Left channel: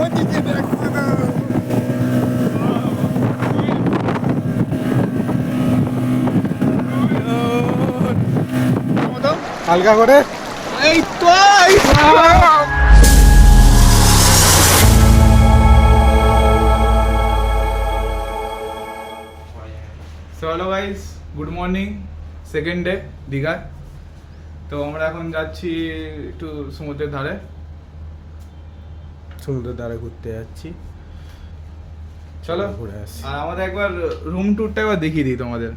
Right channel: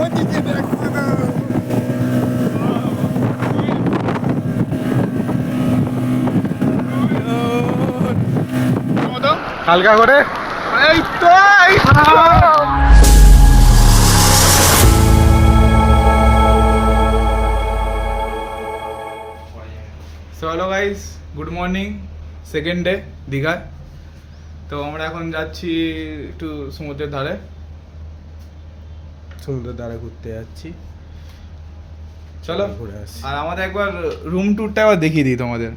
ওদিকে দেখছে না হালকা করে এই তো এই তো। So hello guys good morning second day Digha তো আমরা এখন যাচ্ছি একটু সমুদ্রের ধারে। সমুদ্রের ধারে ঘুরতে যাচ্ছি। চলো। ঘুরে আসি। আর আমাদের একবার রুম ট্যুরটা একবার দেখিয়ে দিই তোমাদের।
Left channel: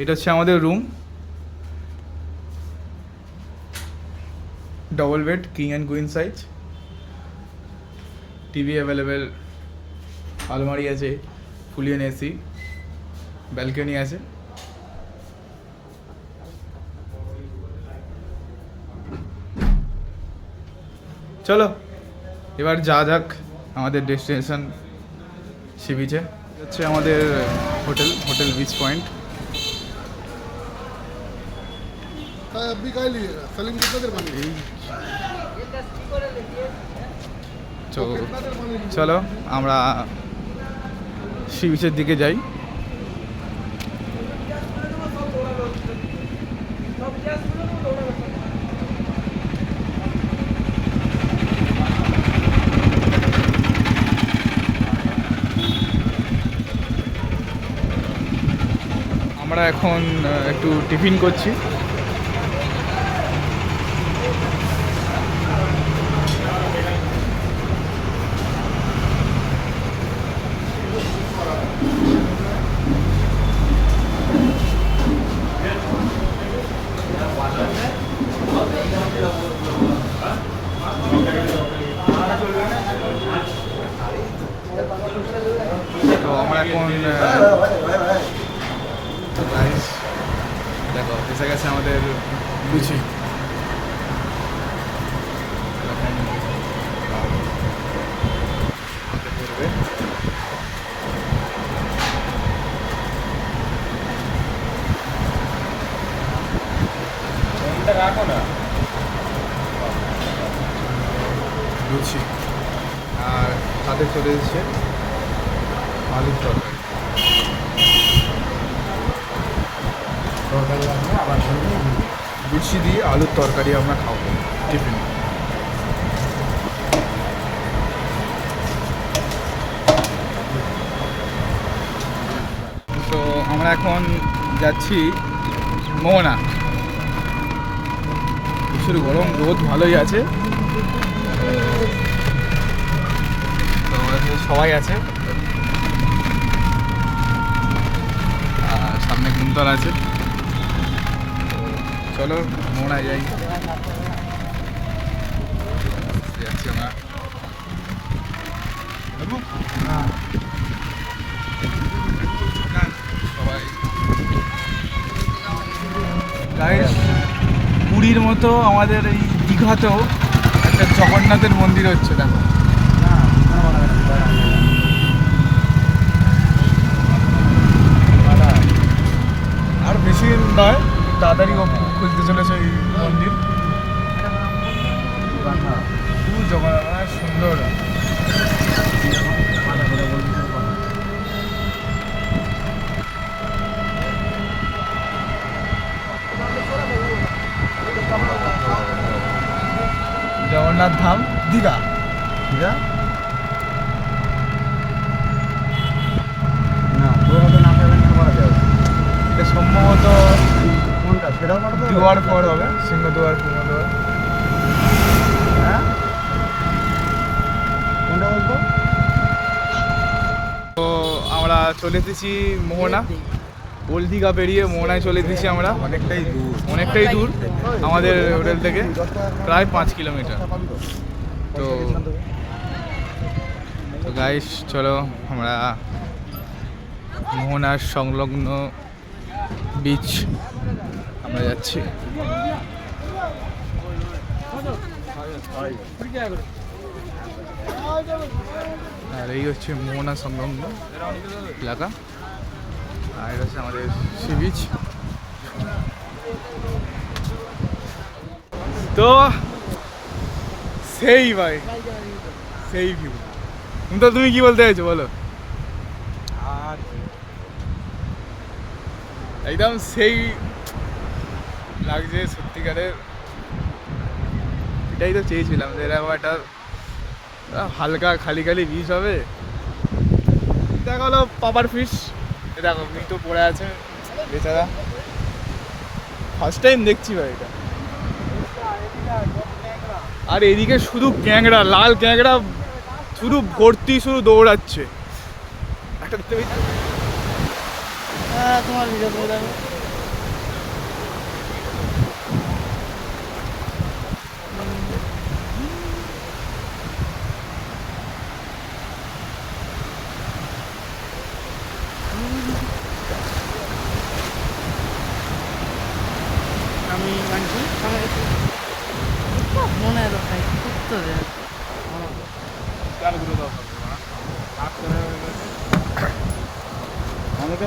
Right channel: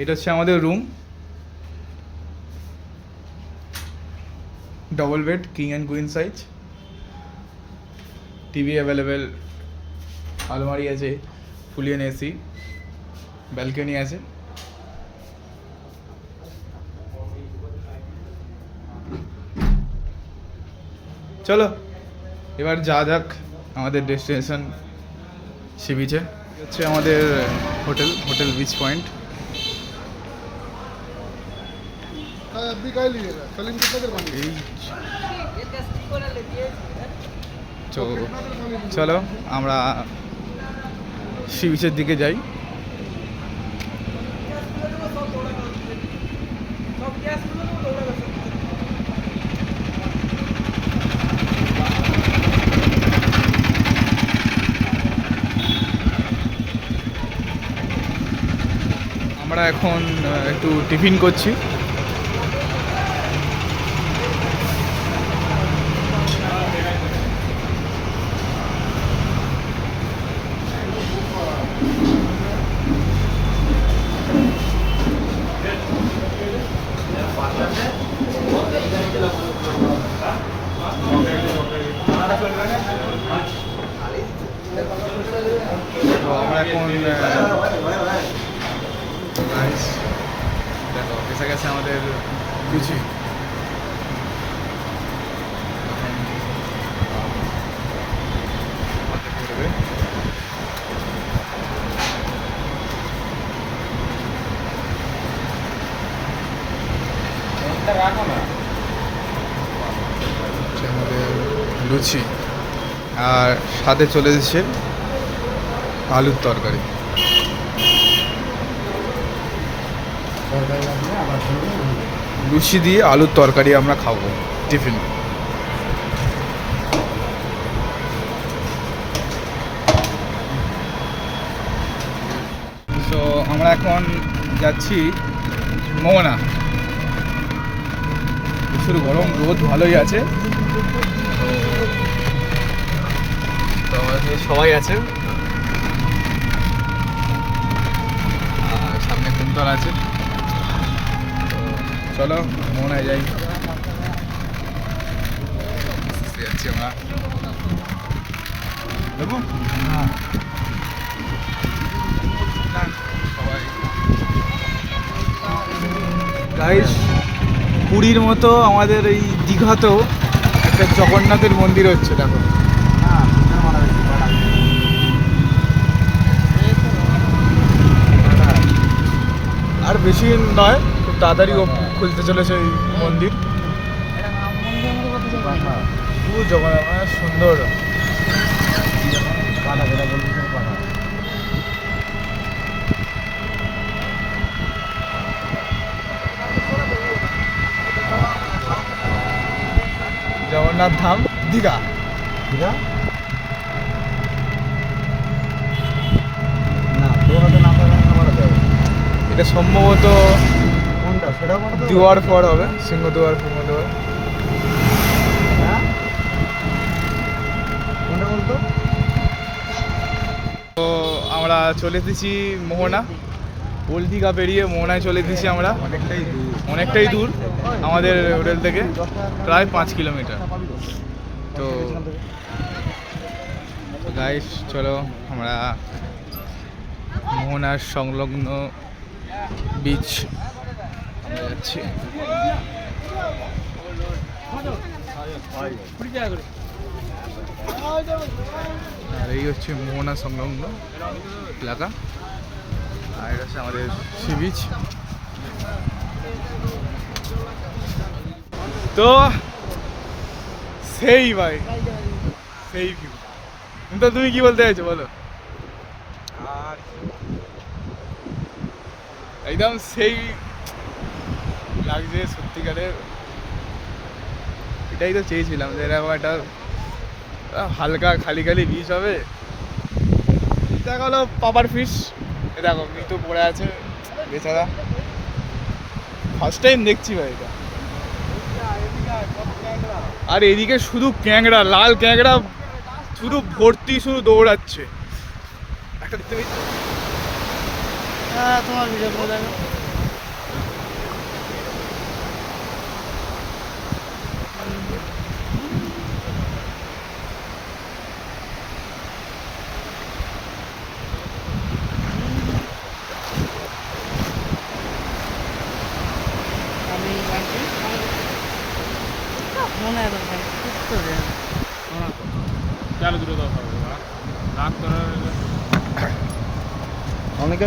এটা হচ্ছে আমাদের room double bed king and queen size TV available আলমারি আছে ফুলিয়ান এসি ব্যালকনি আছে। চলো, এবার যা যাক আমাদের ডেস্টিনেশন সি বিচে হচ্ছে আমাদের হোটেল হোটেল বিচ পয়েন্ট তো, চলো, আমরা সি বিচের দিকে যাই। এখন একটু টিফিন করছি তো আমরা এখন আহ, তো guys, দেখো এসে গেছে আমাদের লুচি এখন, আহ, হাতে পড়বে। লুচি। আর সাথে চলে এসেছে আলুর তরকারি। লুচি দিয়ে আলুর তরকারি আমরা খাব টিফিন। তো আমরা এখন যাচ্ছি মোহনা প্রচুর গরম, রোদ ভালোই আছে। সবাই আছে। আর সামনে কুন্তল আছে। চলো মোহনায় যাই। যাচ্ছি আমরা। যাব? সবাই। পুরীর মতো আমাদের এই দীঘাতেও একটা জগন্নাথের মন্দির হচ্ছে, দেখো। আর বেশি দিন নয়, খুব তাড়াতাড়ি খুলতে চলেছে এই মন্দির। খুব জগন্নাথ মানে সুন্দর। জগন্নাথ ধাম দীঘা। দীঘা? না হাতে না আমি করা যাব। এটা সম্ভবত কোনটা? সেটাও পাঠাতে দুয়ার পর হবে সিংহ দুয়ার পুঙ্গ দুয়ার হ্যাঁ? কোনটা বলতো? তো আমরা চলে এসেছি মোহনা। ওল্ড দীঘা পেরিয়ে মোহনায় চলে এসেছি আমরা। অনেকটাই দূর আমাদের হোটেল থেকে, প্রায় পাঁচ কিলোমিটার। তো গাইস চলো আমরা মোহনার সংলগ্ন বিচ আমরা যাচ্ছি। আর এই হচ্ছে মোহনা সংলগ্ন এলাকা। আর এটা হচ্ছে আমাদের সি বিচ তো সেই ভাই সেই ভিউ তো তুমি কি বলতে চাইছো বলো? আর একদম সেই লাগছে সত্যিকারের। এটাই তো চেয়েছিলাম যে এরকম একটা হালকা খালি খালি বিষ হবে। দেখা হলো পাপার ফিশ দেখো মৃত পড়ে আছে। বেচারা। ফার্স্ট টাইম দেখছি ভাই এটা। আর এদিকে শুধু ক্যাংড়া, লাল ক্যাংড়া, শুধু ভর্তি, শুধু দৌড়াচ্ছে। একটা দেখতে? হ্যাঁ তোমার ভিডিও করে দেখো আমি আনছি মনে হয় ভাই তো রে অনেকে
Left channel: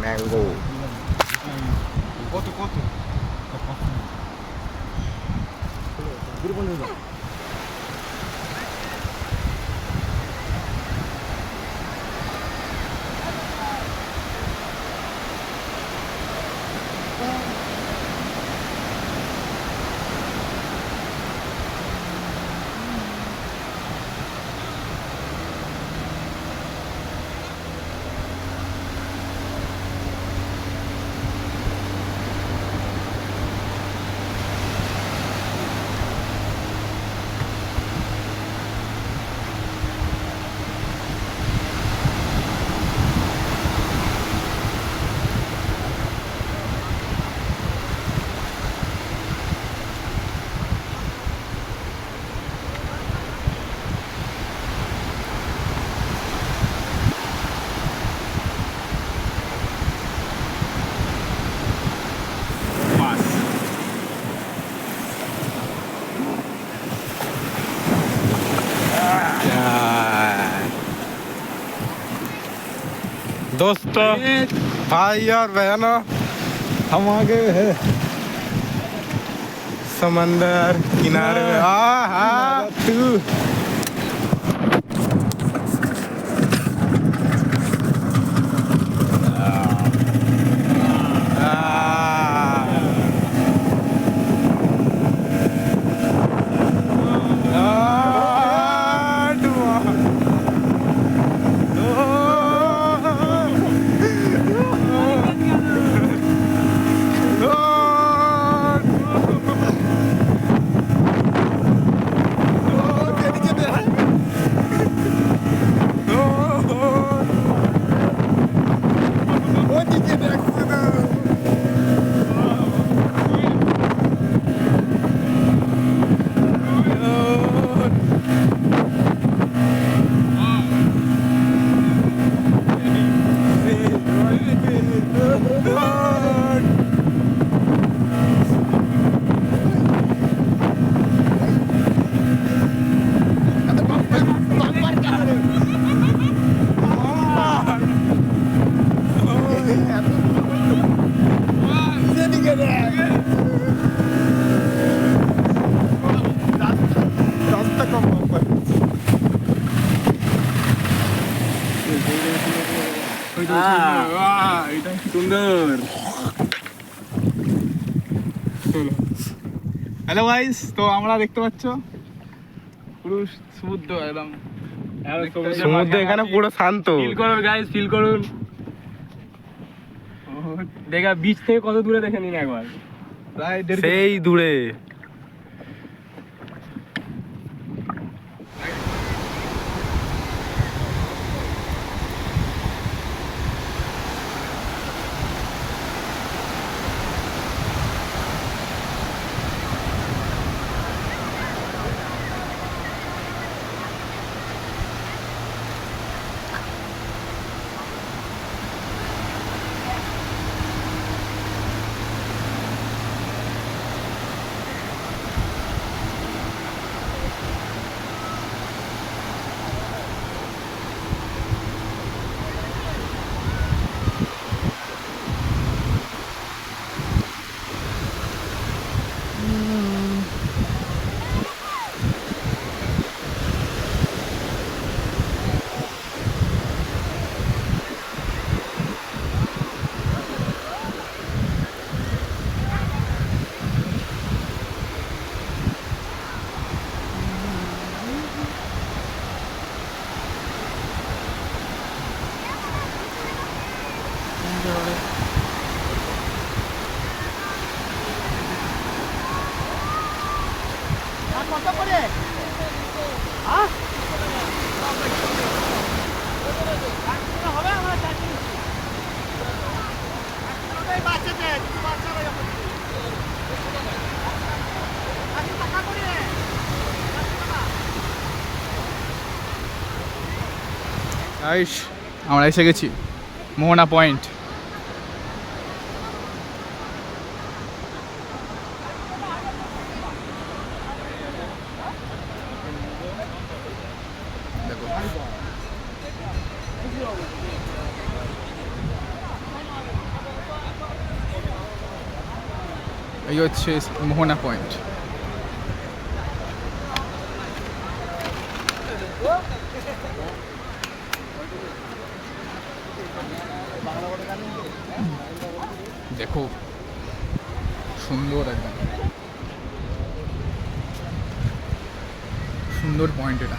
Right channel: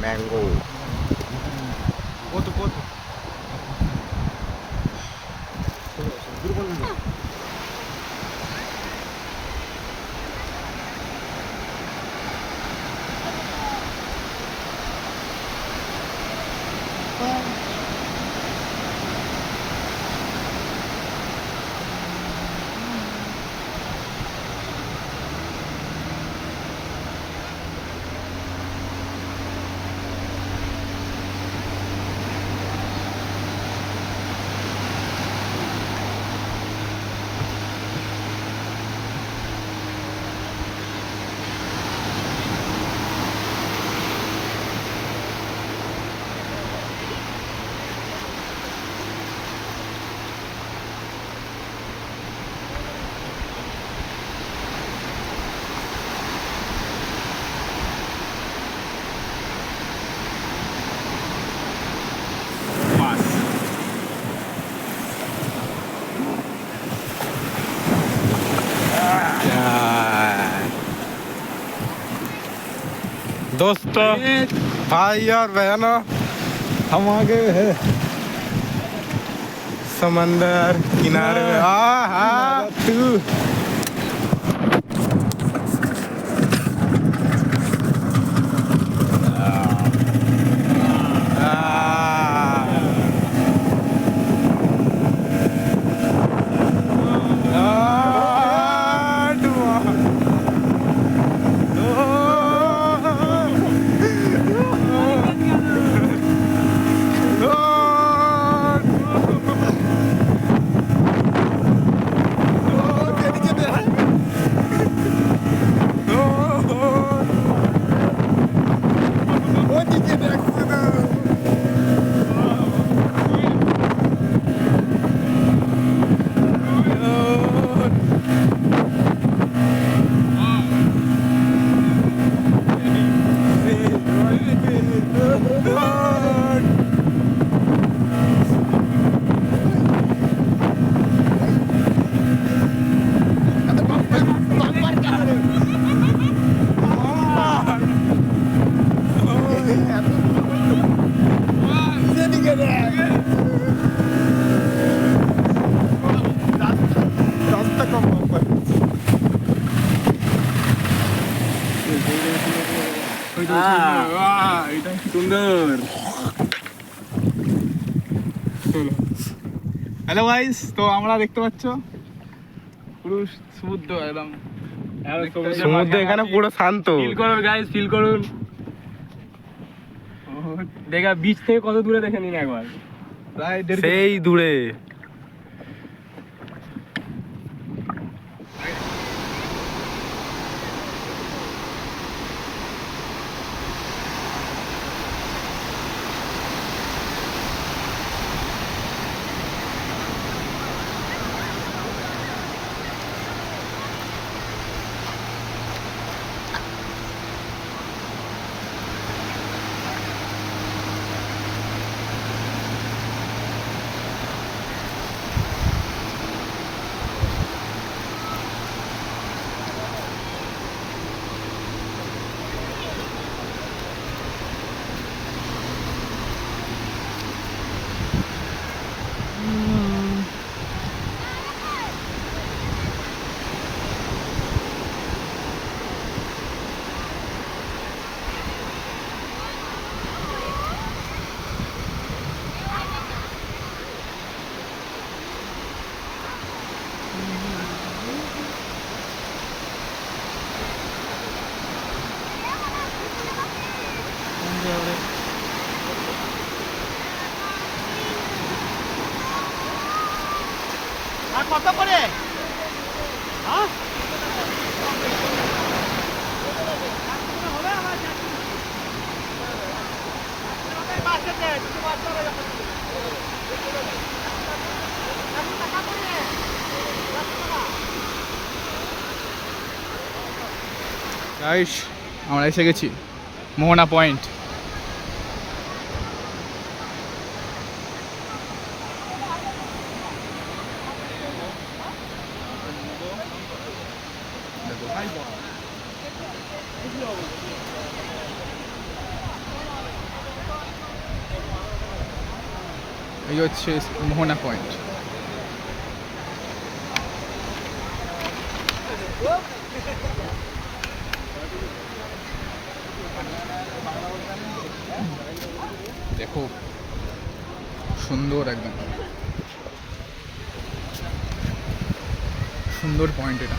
চেপে না ম্যাঙ্গো কত दोस्तों। भाई और बहनों हम आ गए हैं। समंदर किनारे में। आ हा तू। হ্যালো গাইস তো আমরা দেখতে পাচ্ছ পুরো সমুদ্র একদম। সমুদ্র এখানে পুরো শান্ত। ফিল করুন গাইস ফিল করুন। দেখা বিচ থেকে কত দূরে দেখে নিন একবার? দূরে গাইস আমরা এসে গেছি। মোহনা পয়েন্ট দেখো এই হচ্ছে মোহনা পয়েন্ট দেখো সুন্দর একদম। সুন্দর পয়েন্ট এটা।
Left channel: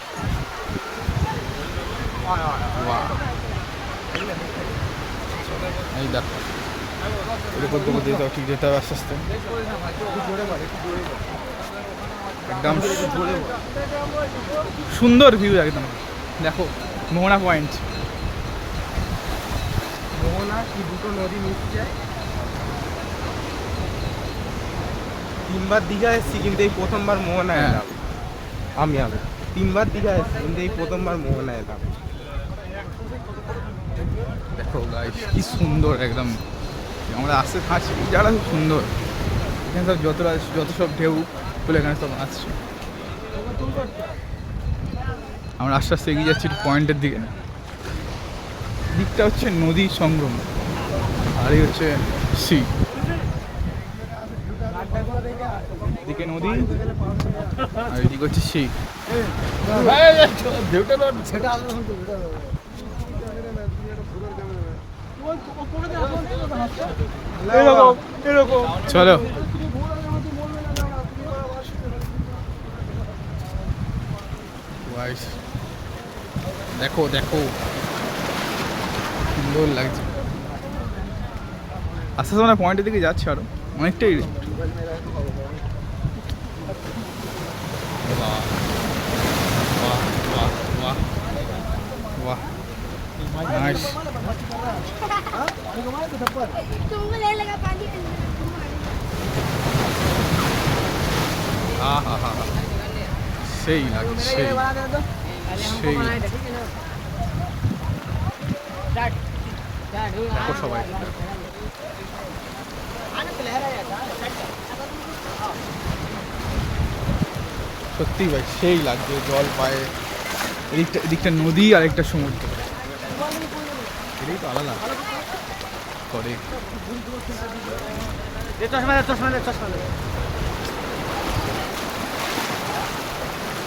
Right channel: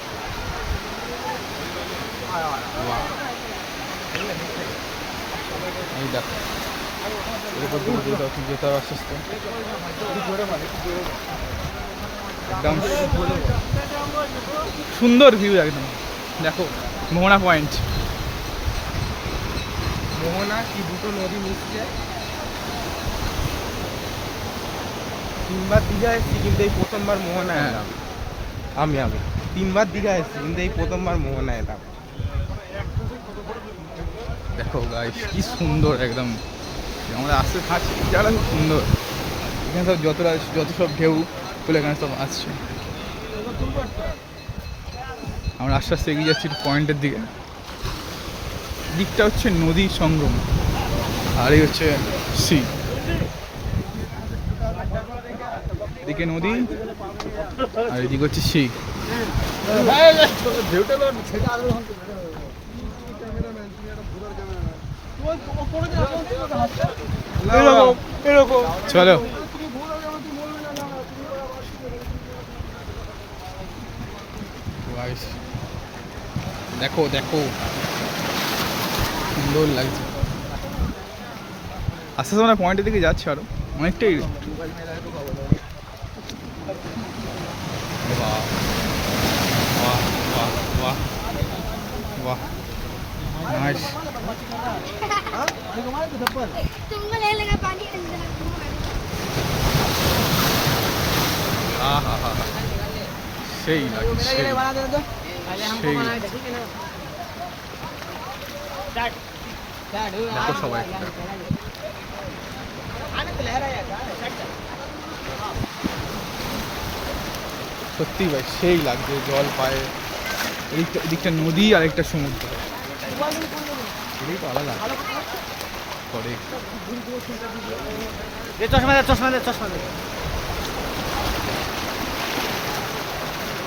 এই দেখো এর উপর দিকে যেতে ঠিক যেতে হবে আস্তে আস্তে একদম সুন্দর ভিউ একদম। দেখো মোহনা পয়েন্ট মোহনা কি দুটো নদী মিশছে তিনবার দীঘা এসেছি কিন্তু এই প্রথমবার মোহনা হ্যাঁ। এলাম। আমি আমি তিনবার দীঘা এসেছি কিন্তু এই প্রথমবার মোহনা এলাম। দেখো গাইস কি সুন্দর একদম। আমরা আসতে এই জায়গাটা খুব সুন্দর। এখানে সব যতটা যত সব ঢেউ গুলো এখানে সব আসছে। আমরা আস্তে আস্তে এগিয়ে যাচ্ছি পয়েন্টের দিকে। দিকটা হচ্ছে নদী সংগ্রম আর এই হচ্ছে সি। এদিকে নদী আর এদিকে হচ্ছে সি। চলো। দেখো দেখো। সুন্দর লাগছে। আস্তে আস্তে আমরা পয়েন্টের দিকে যাচ্ছি আরও। অনেকটাই বাহ বাহ বাহ। নাইস तुमको ले लगा पानी अंदर আহা হা হা সেই লাগে সেই সেই লাগছে দেখো সবাই একটু দেখো সত্যি ভাই সেই লাগছে জল পায়ে এদিকটা এদিকটা নদী আর একটা সমুদ্র এটাই তো আলাদা। করে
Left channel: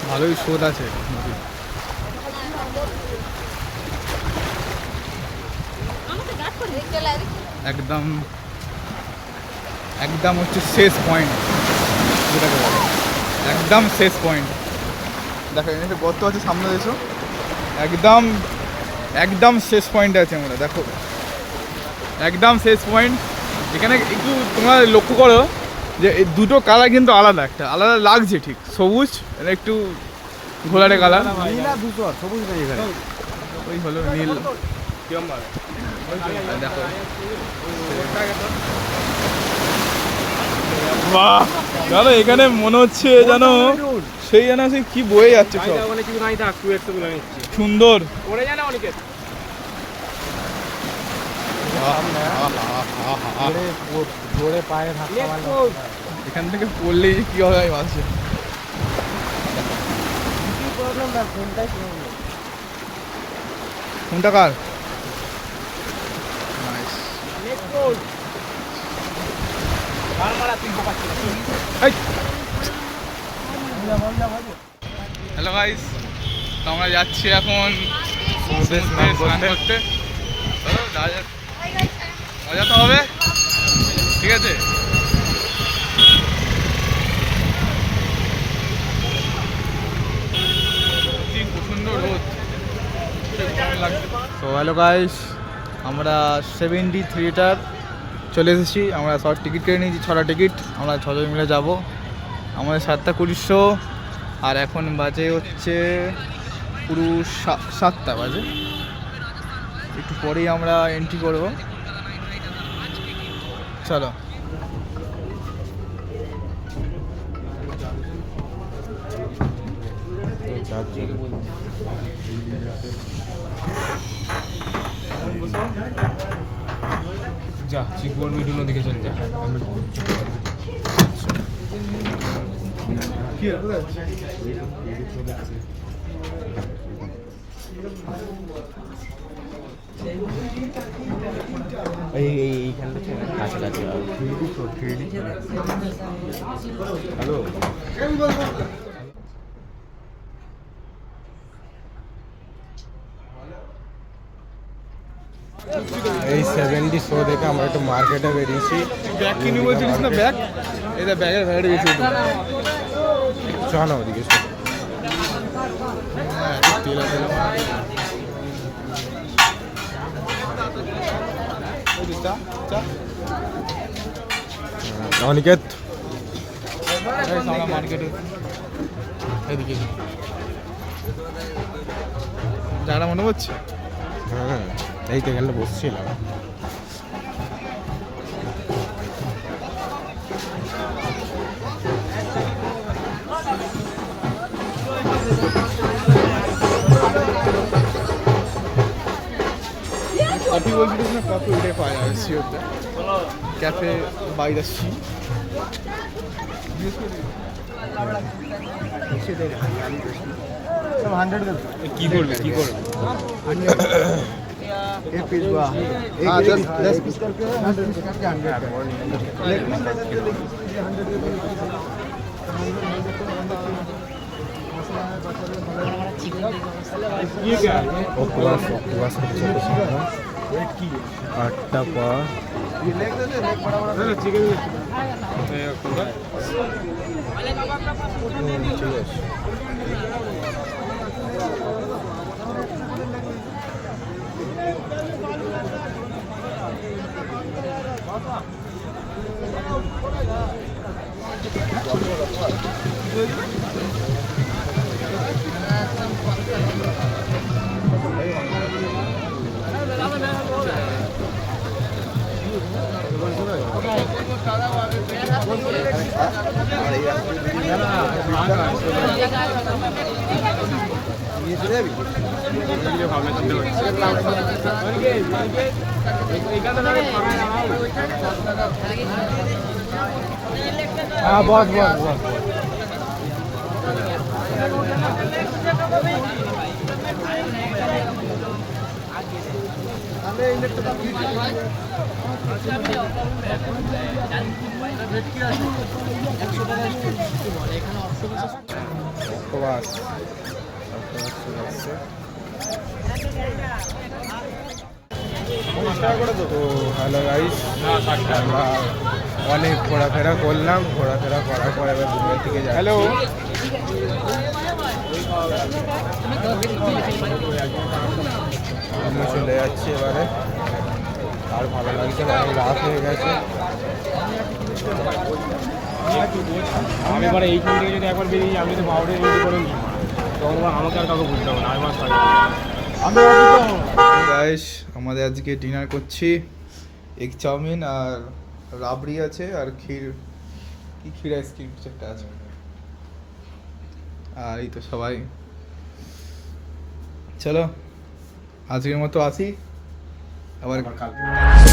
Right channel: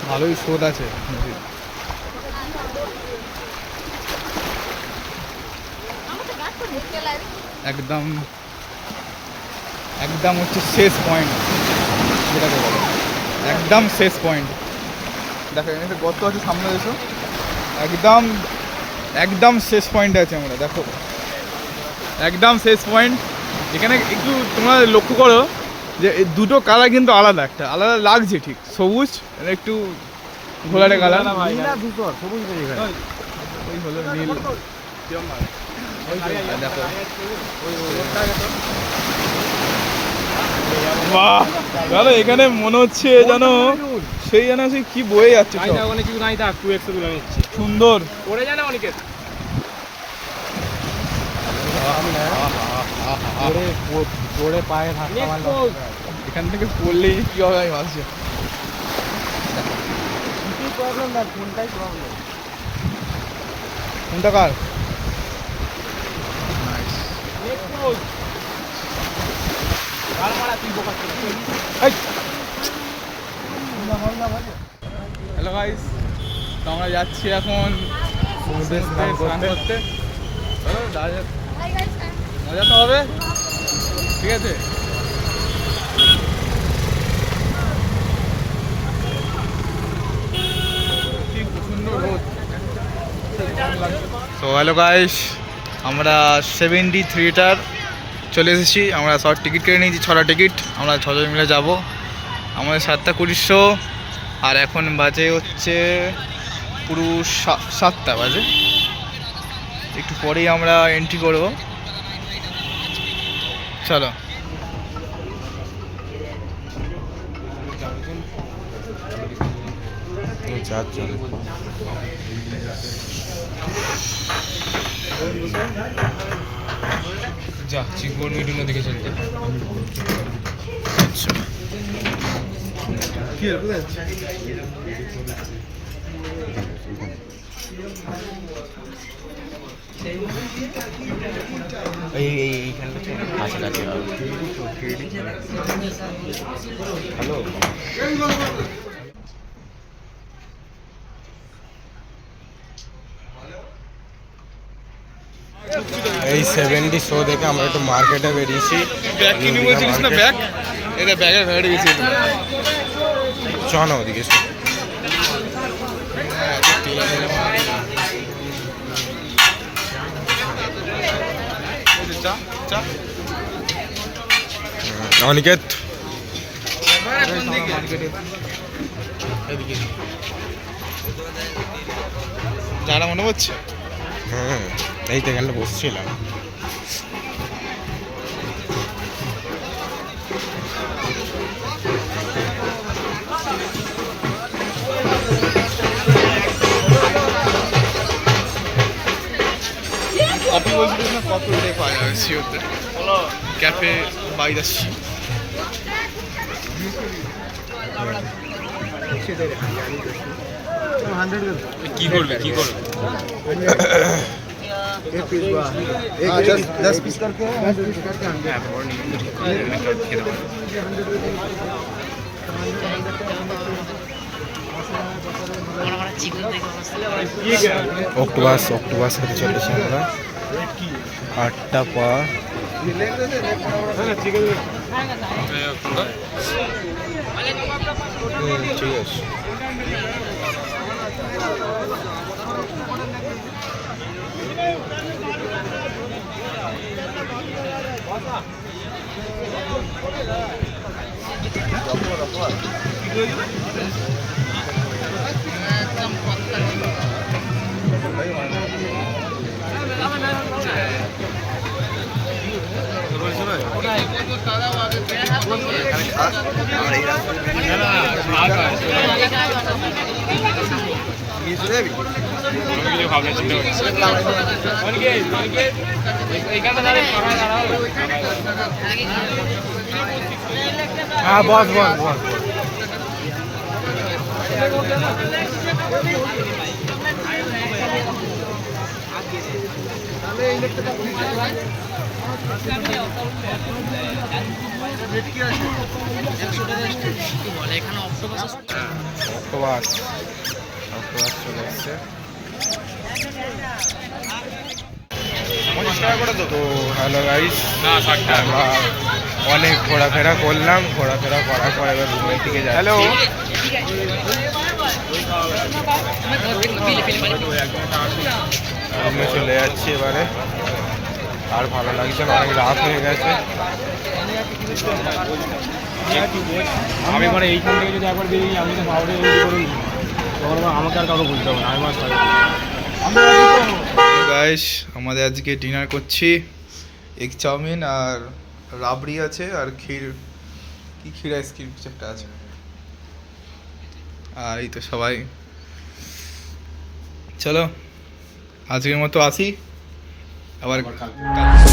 ভালোই স্রোত আছে নদীর। একদম একদম হচ্ছে শেষ পয়েন্ট যেটাকে বলে। একদম শেষ পয়েন্ট দেখো এখানে একটা গর্ত আছে সামনে এসো। একদম একদম শেষ পয়েন্টে আছে আমরা দেখো। একদম শেষ পয়েন্ট এখানে একটু তোমরা লক্ষ্য করো যে দুটো কালার কিন্তু আলাদা একটা আলাদা লাগছে ঠিক। সবুজ একটু ঘোলাটে কালার ওই হলো নীল। দেখো বাহ জানো এখানে মনে হচ্ছে জানো সেই যেন সেই কি বয়ে যাচ্ছে সব। সুন্দর। এখান থেকে পড়লেই যে কি হবে আমি ভাবছি। প্রবলেম না ফোনটাই প্রবলেম কোনটা কার? নাইস হ্যালো গাইস তো আমরা যাচ্ছি এখন সমুদ্রে স্নান করতে। চলো মজা তো হবে। ঠিক আছে। সো হ্যালো গাইস আমরা সেভেন্টি থ্রিটার চলে এসেছি, আমরা সব টিকিট কেটে নিয়েছি, ছটা টিকিট আমরা ছজন মিলে যাব। আমাদের সাতটা কুড়িশো, আর এখন বাজে হচ্ছে পুরো সাতটা বাজে। একটু পরেই আমরা এন্ট্রি করব। চলো। যা চিকবন মিডুনো দিকে চলে যা কি হলো কোথায় যাচ্ছিস? এই এই এইখানটা কাছাকাছি সেভেন্টি শো দেখে আমরা একটু মার্কেটে বেরিয়েছি। চ না ওদিকে চা অনিকেত। যারা মনে হচ্ছে হ্যাঁ এই তো এখানটা বসছিলাম। কপি বলছিল না? কপি ওটাই পাওয়া যাবে সিওরটা ক্যাফে বাইরে আসছি। কি করবে? কি করবে? অক্টোবাস অক্টোবাস খেতে চলেছি আমরা আটটা পা ঠিক আছে। हाँ बहुत बहुत बहुत बहुत। অক্টোবাস অক্টোবাস চলে এসছে তো। হ্যালো গাইস আমরা অনেক ঘোরাফেরা করলাম। ঘোরাফেরা করার পর এবার রুমের দিকে যাচ্ছি। হ্যালো। রুমে চলে যাচ্ছি এবারে। আর ভালো লাগছে না অনেক রাত হয়ে গেছে। আমি থেকে যদি একবার বেরিয়ে আমি তো করে তখন আমাকে আর বলতে হবে আমার গাইস আমাদের আজকে ডিনার করছি। এগ চাউমিন আর রাবড়ি আছে আর ক্ষীর কি ক্ষীর আইসক্রিম কিছু একটা আছে। আর এই তো সবাই। চলো আজকের মতো আসি। আবার কালকে